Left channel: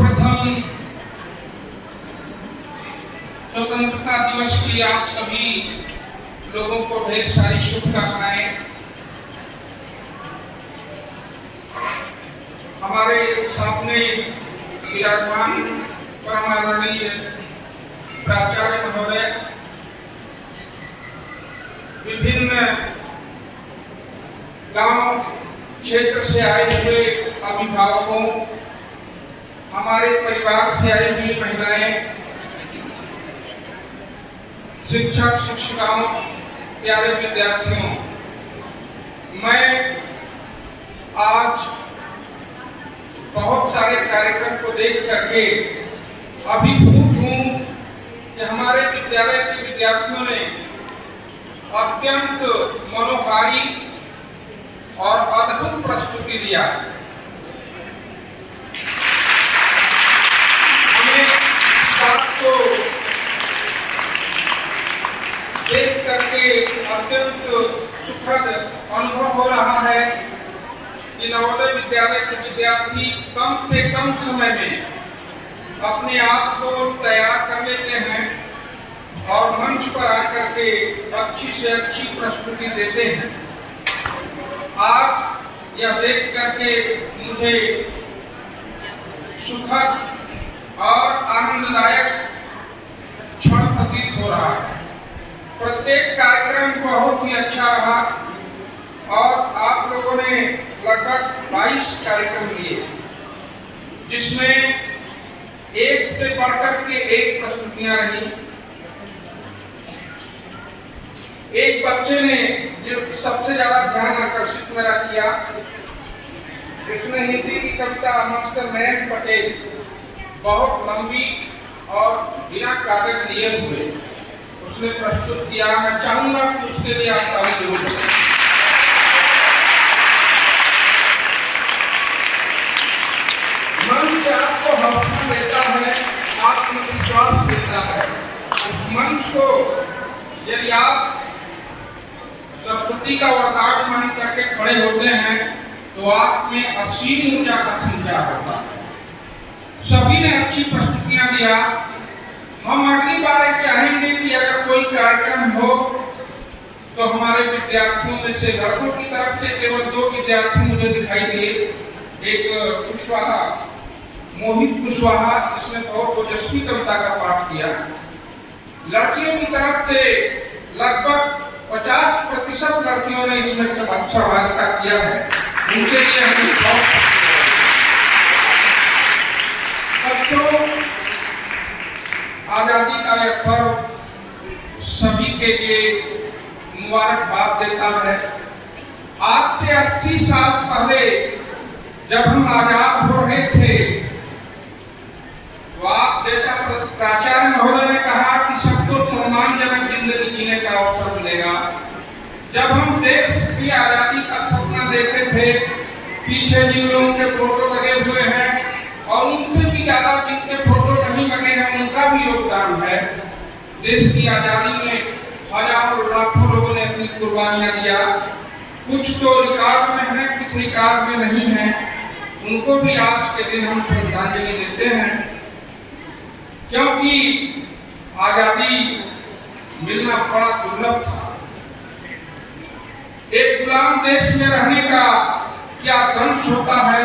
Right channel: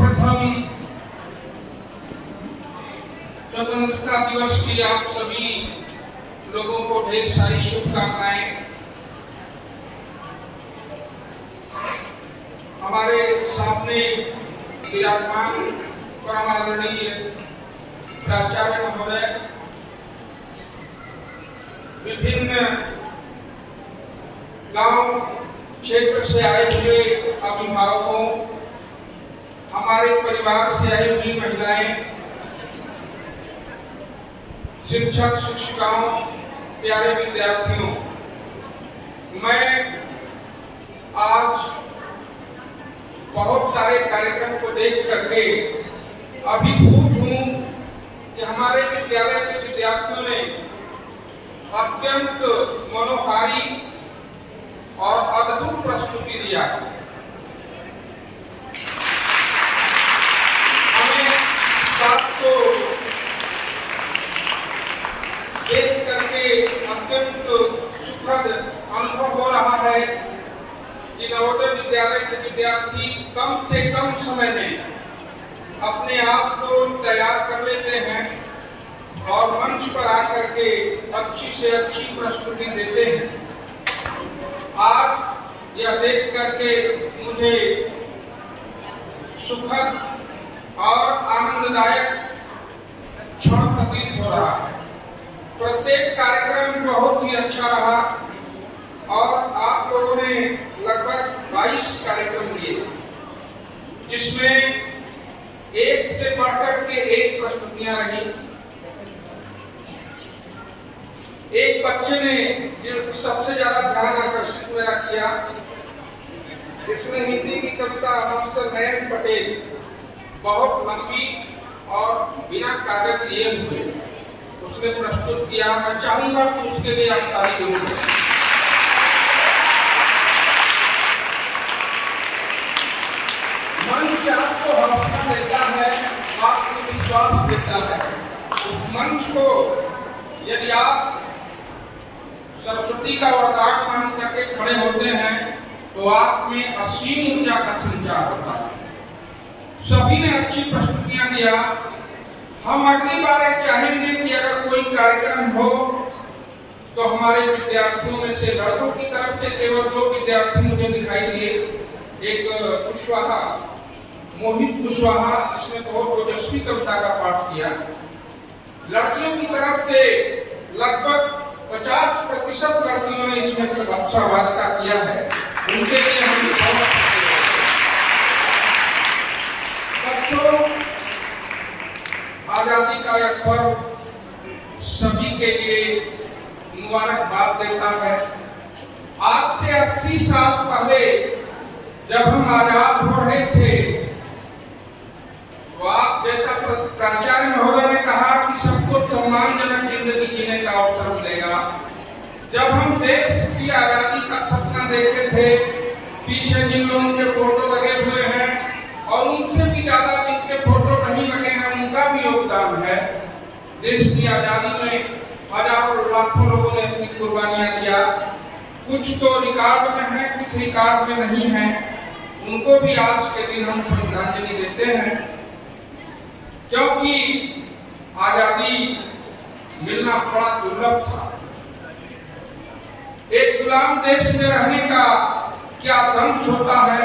सर्वप्रथम स्वतंत्रता दिवस की आप सभी लोगों को ढेर सारी शुभकामनाएं। हमारे सामने विराजमान परम आदरणीय प्राचार्य महोदय, विभिन्न गांव क्षेत्र से आए हुए अभिभावकों, हमारे परिवार से आई हुई महिलाएं, शिक्षक शिक्षिकाओं, प्यारे विद्यार्थियों, मैं आज बहुत सारे कार्यक्रम को देख करके अभिभूत हूँ कि हमारे विद्यालय के विद्यार्थियों ने अत्यंत मनोहारी और अद्भुत प्रस्तुति दिया। हमें इस बात को देख करके अत्यंत सुखद अनुभव हो रहा है कि नवोदय विद्यालय के विद्यार्थी कम से कम समय में अपने आप को तैयार कर लेते हैं और मंच पर आकर के अच्छी से अच्छी प्रस्तुति देते हैं। आज यह देख करके मुझे सुखद और आनंददायक क्षण प्रतीत हो रहा है। प्रत्येक कार्यक्रम बहुत ही अच्छा रहा और आप लोगों ने लगभग 22 कार्यक्रम किए, जिसमें एक से बढ़कर के एक प्रस्तुतियां रही। एक बच्चे ने जो सबसे ज्यादा ध्यान आकर्षित मेरा किया, उसने हिंदी की कविता मास्टर नयन पटेल बहुत लंबी और बिना कागज लिए हुए उसने प्रस्तुत किया। मैं चाहूंगा कि उसके लिए आप ताली जरूर दें। मंच आपको हौसला देता है, आत्मविश्वास देता है। उस मंच को यदि आप सरस्वती का वरदान मान करके खड़े होते हैं तो आप में असीम ऊर्जा का संचार होता है। सभी ने अच्छी प्रस्तुतियां दिया। हम अगली बार चाहेंगे कि अगर कोई कार्यक्रम हो तो हमारे विद्यार्थियों में से लड़कों की तरफ से केवल 2 विद्यार्थी मुझे दिखाई दिए। एक कुशवाहा, मोहित कुशवाहा, जिसने बहुत ओजस्वी कविता का पाठ किया। लड़कियों की तरफ से लगभग 50% लड़कियों ने इसमें सहभागिता किया है। उनके लिए हम बहुत बच्चों, आजादी का यह पर्व सभी के लिए मुबारकबाद देता है। आज से 80 साल पहले जब हम आजाद हो रहे थे तो आप जैसा प्राचार्य महोदय ने कहा कि सबको सम्मानजनक जिंदगी जीने का अवसर मिलेगा। जब हम देश की आजादी का सपना देखे थे, पीछे जिन लोगों के फोटो लगे हुए हैं और उनसे भी ज्यादा जिनके फोटो नहीं लगे हैं, उनका भी योगदान है। देश की आजादी में हजारों लाखों लोगों ने अपनी कुर्बानियां दिया। कुछ तो रिकॉर्ड में है, कुछ रिकॉर्ड में नहीं है। उनको भी आज के दिन हम श्रद्धांजलि देते हैं, क्योंकि आजादी मिलना बड़ा दुर्लभ था। एक गुलाम देश में रहने का क्या दंश होता है,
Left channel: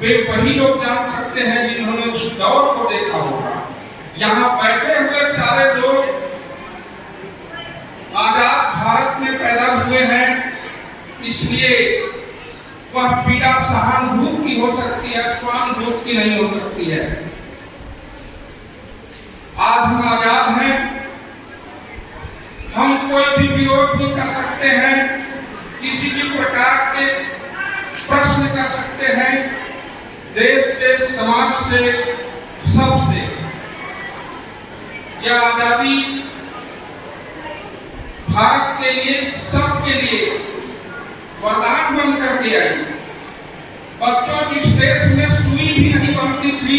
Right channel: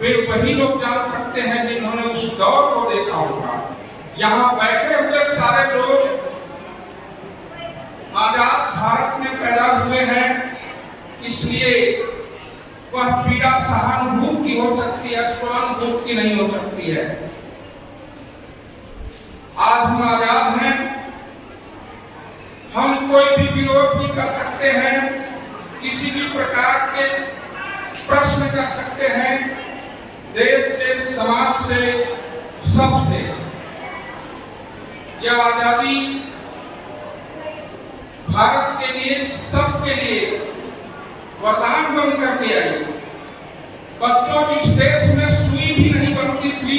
वे वही लोग जान सकते हैं जिन्होंने उस दौर को देखा होगा। यहाँ बैठे हुए सारे लोग आजाद भारत में पैदा हुए हैं, इसलिए वह पीड़ा सहानुभूति की हो सकती है, स्वानुभूति की नहीं हो सकती है। आज हम आजाद हैं, हम कोई भी विरोध नहीं कर सकते हैं, किसी भी प्रकार के प्रश्न कर सकते हैं, देश से, समाज से, सबसे। यह आजादी भारत के लिए, सबके लिए वरदान बन करके आई। बच्चों की देश में सुई भी नहीं बनती थी,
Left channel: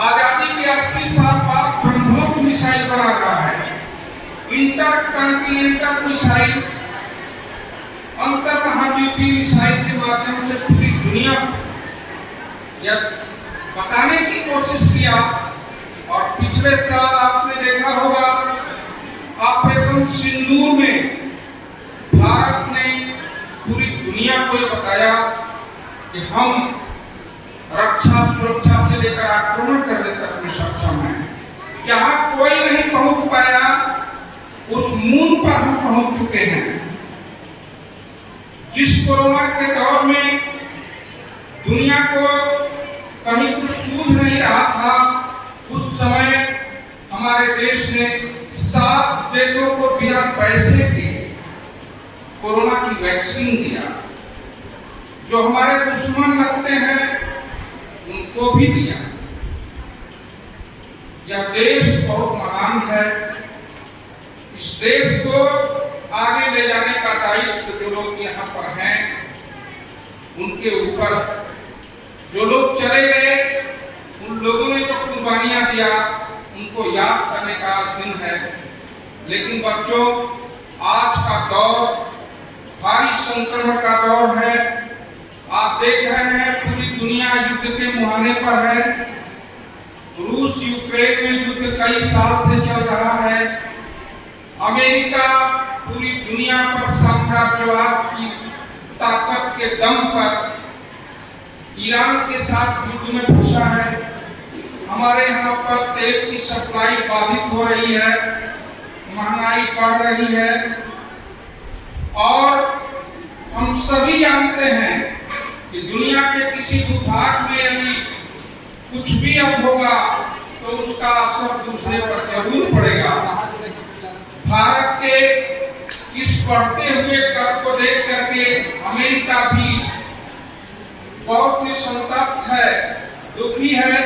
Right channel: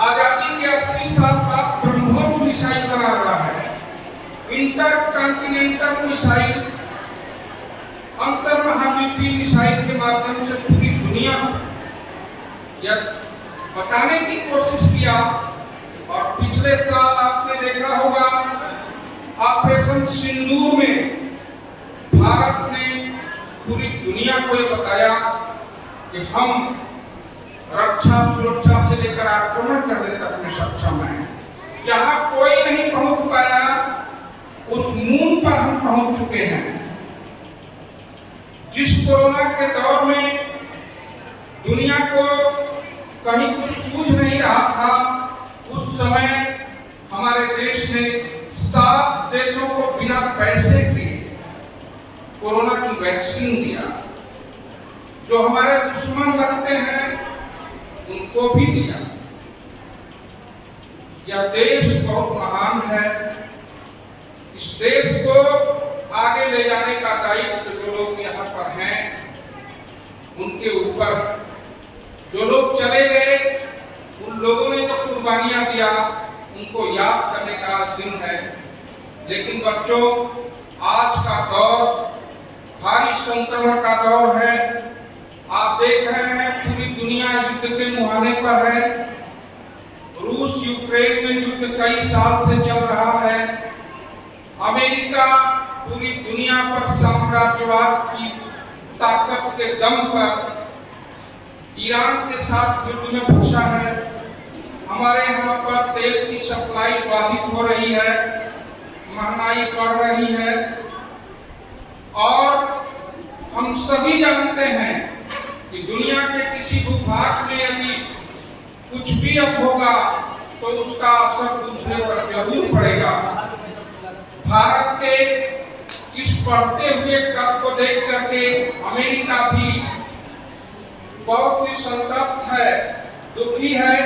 आजादी के 80 साल बाद ब्रह्मोस मिसाइल बना रहा है। इंटरकॉन्टिनेंटल मिसाइल, अंतर महाद्वीपीय मिसाइल के माध्यम से पूरी दुनिया या बताने की कोशिश किया। और पिछले साल आपने देखा होगा ऑपरेशन सिंदूर में भारत ने पूरी दुनिया को ये बताया कि हम रक्षा सुरक्षा से लेकर आक्रमण करने तक में सक्षम हैं। जहां कोई नहीं पहुंच पाया उस मून पर हम पहुंच चुके हैं। जिस कोरोना के दौर में दुनिया को कहीं कुछ सूझ नहीं रहा था, उस समय हमारे देश ने 7 देशों को बिना पैसे के कोरोना की वैक्सीन दिया। जो हमारे दुश्मन लगते हैं उनको भी दिया। यह देश बहुत महान है। इस देश को आगे ले जाने का दायित्व जो लोग यहाँ पर हैं उनके ऊपर। जो लोग चले गए उन लोगों ने जो कुर्बानियां दिया उनको याद करने का दिन है। लेकिन बच्चों, आज का दौर भारी संक्रमण का दौर है। आप देख रहे हैं पूरी दुनिया युद्ध के मुहाने पर है। रूस यूक्रेन में युद्ध कई साल से चल रहा है। अमेरिका पूरी दुनिया पर साम्राज्यवाद की ताकत के दम पर ईरान के साथ युद्ध में फंसा है। हमारे यहाँ पर तेल की सप्लाई बाधित हो रही है, महंगाई बढ़ रही है। और हम सभी जानते हैं कि दुनिया के किसी भूभाग में यदि कुछ भी अब होगा तो उसका असर दूसरे पर जरूर पड़ेगा। भारत के इस बढ़ते हुए कर को देख करके अमेरिका भी बहुत ही संतप्त है, दुखी है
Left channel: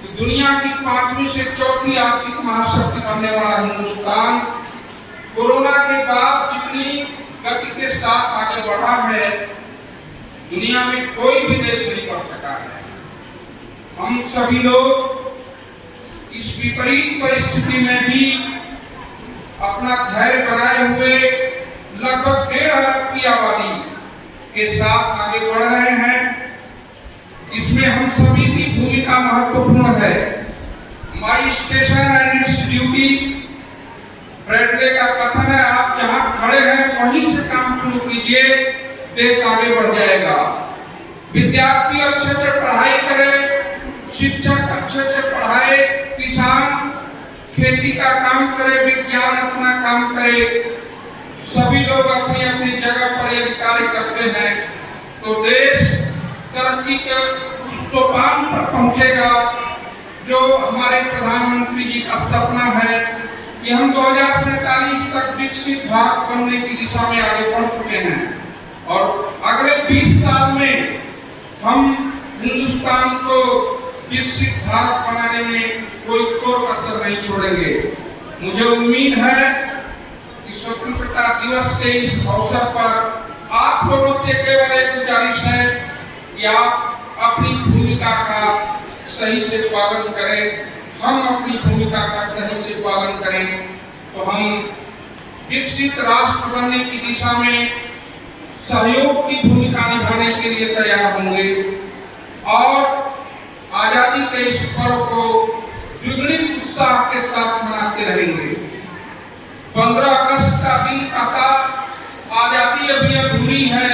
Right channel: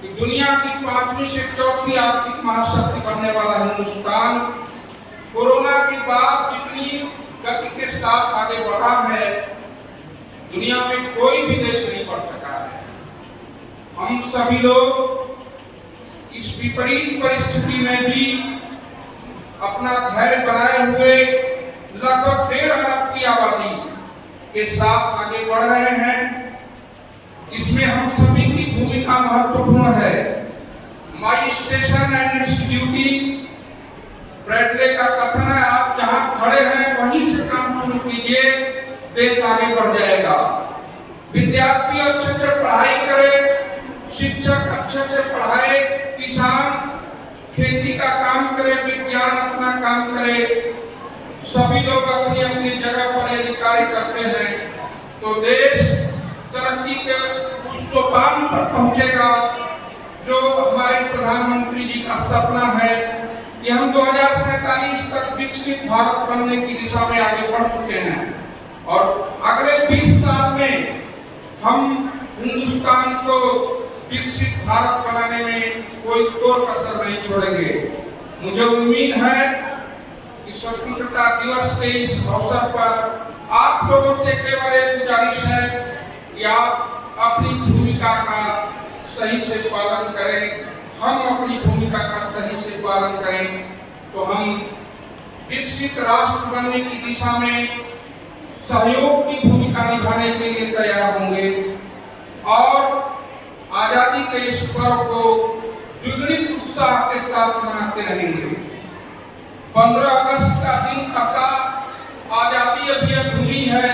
कि दुनिया की 5वीं से 4थी आर्थिक महाशक्ति बनने वाला हिंदुस्तान कोरोना के बाद जितनी गति के साथ आगे बढ़ा है, दुनिया में कोई भी देश नहीं बढ़ सका है। हम सभी लोग इस विपरीत परिस्थिति में भी अपना धैर्य बनाए हुए लगभग 1.5 अरब की आबादी के साथ आगे बढ़ रहे हैं। इसमें हम सभी की भूमिका महत्वपूर्ण है। My station and its duty, Bradley का कथन है, आप जहां खड़े हैं वहीं से काम शुरू कीजिए, देश आगे बढ़ जाएगा। विद्यार्थी अच्छे से पढ़ाई करें, शिक्षक अच्छे से पढ़ाए, किसान खेती का काम करे, विज्ञान अपना काम करे। सभी लोग अपनी अपनी जगह पर यदि कार्य करते हैं तो देश तरक्की के उस सोपान पर पहुंचेगा जो हमारे प्रधानमंत्री जी का सपना है कि हम 2047 तक विकसित भारत बनने की दिशा में आगे बढ़ चुके हैं। और अगले 20 साल में हम हिंदुस्तान को विकसित भारत बनाने में कोई कसर नहीं छोड़ेंगे। मुझे उम्मीद है कि स्वतंत्रता दिवस के इस अवसर पर आप लोगों से केवल एक गुजारिश है कि आप अपनी भूमिका का सही से पालन करें, हम अपनी भूमिका का सही से पालन करें तो हम विकसित राष्ट्र बनने की दिशा में सहयोग की भूमिका निभाने के लिए तैयार होंगे और आजादी के इस पर्व को द्विगुणित उत्साह के साथ मनाते रहेंगे। 15 अगस्त का दिन आता, आजादी अभी अधूरी है,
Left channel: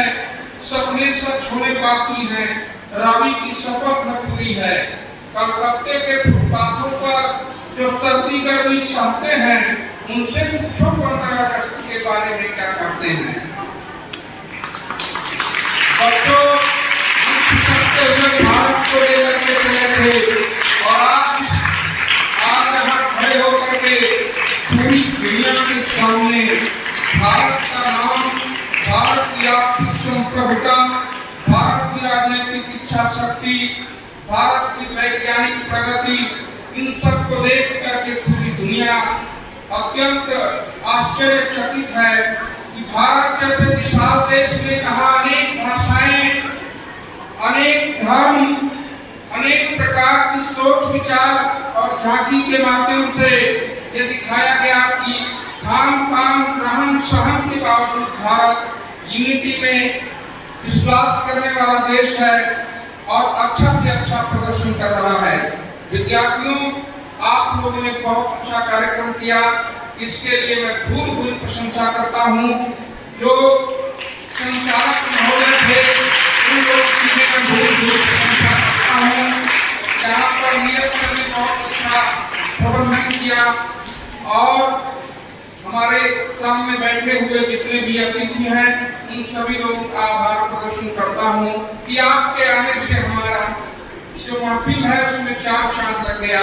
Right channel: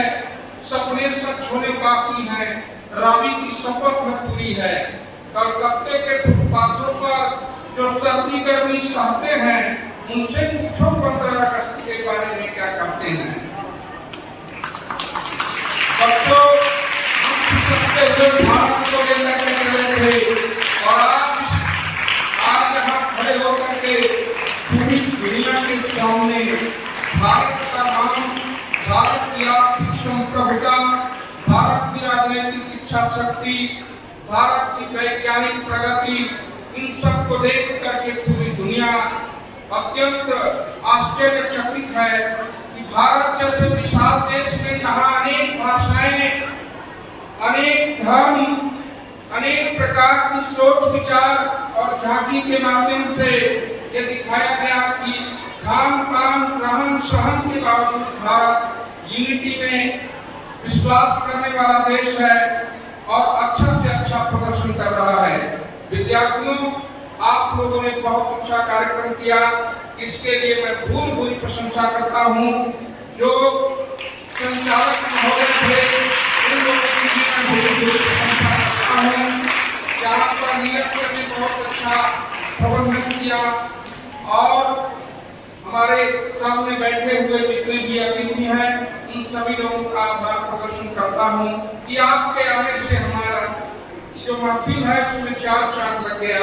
सपने सच होने बाकी हैं, रावी की शपथ न पूरी है। कलकत्ते के फुटपाथों पर जो सर्दी गर्मी सहते हैं उनसे पूछो 15 अगस्त के बारे में क्या करते हैं। बच्चों, भारत को लेकर के चले थे और आज यहाँ खड़े होकर के पूरी दुनिया के सामने भारत का नाम, भारत की आर्थिक संप्रभुता, भारत की राजनीतिक इच्छा शक्ति, भारत की वैज्ञानिक प्रगति, इन सब को देख करके पूरी दुनिया अत्यंत आश्चर्यचकित है कि भारत जैसे विशाल देश में जहाँ अनेक भाषाएं, अनेक धर्म, अनेक प्रकार की सोच विचार और झांकी के माध्यम से ये दिखाया गया कि खान पान रहन सहन के बावजूद भारत यूनिटी में विश्वास करने वाला देश है और अच्छा से अच्छा प्रदर्शन कर रहा विद्यार्थियों, आप लोगों ने बहुत अच्छा कार्यक्रम किया, इसके लिए मैं भूल प्रशंसा करता हूँ। जो संचालक महोदय थे उन लोगों की भी मैं भूल प्रशंसा करता हूँ। यहाँ पर नीरज सर ने बहुत अच्छा प्रबंधन किया और हमारे सामने बैठे हुए जितने भी अतिथि हैं उन सभी लोगों का आभार प्रदर्शन करता हूँ कि आपके आने से हमारा जो महफिल है उसमें चार चांद लग गया।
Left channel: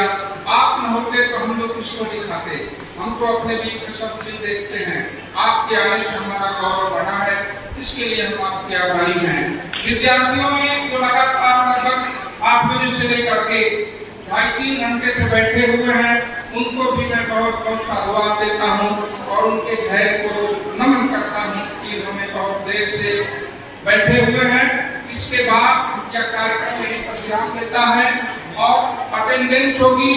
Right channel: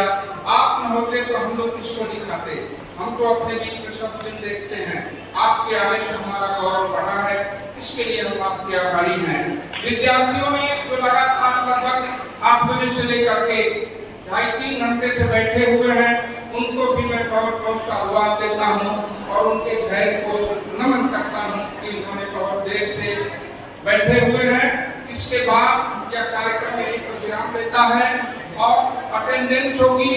आप न होते तो हम लोग किसको दिखाते, हम तो अपने बीच में सब दिन देखते हैं। आपके आने से हमारा गौरव बढ़ा है, इसके लिए हम आपके आभारी हैं। विद्यार्थियों ने जो लगातार लगभग 8 बजे से लेकर के 2.5-3 घंटे से बैठे हुए हैं, उनको भी मैं बहुत बहुत साधुवाद देता हूँ और उनके धैर्य को नमन करता हूँ कि उन्होंने बहुत देर से बैठे हुए हैं। इसके बाद यह कार्यक्रम मेरी पर ध्यान देता है और अटेंडेंस होगी।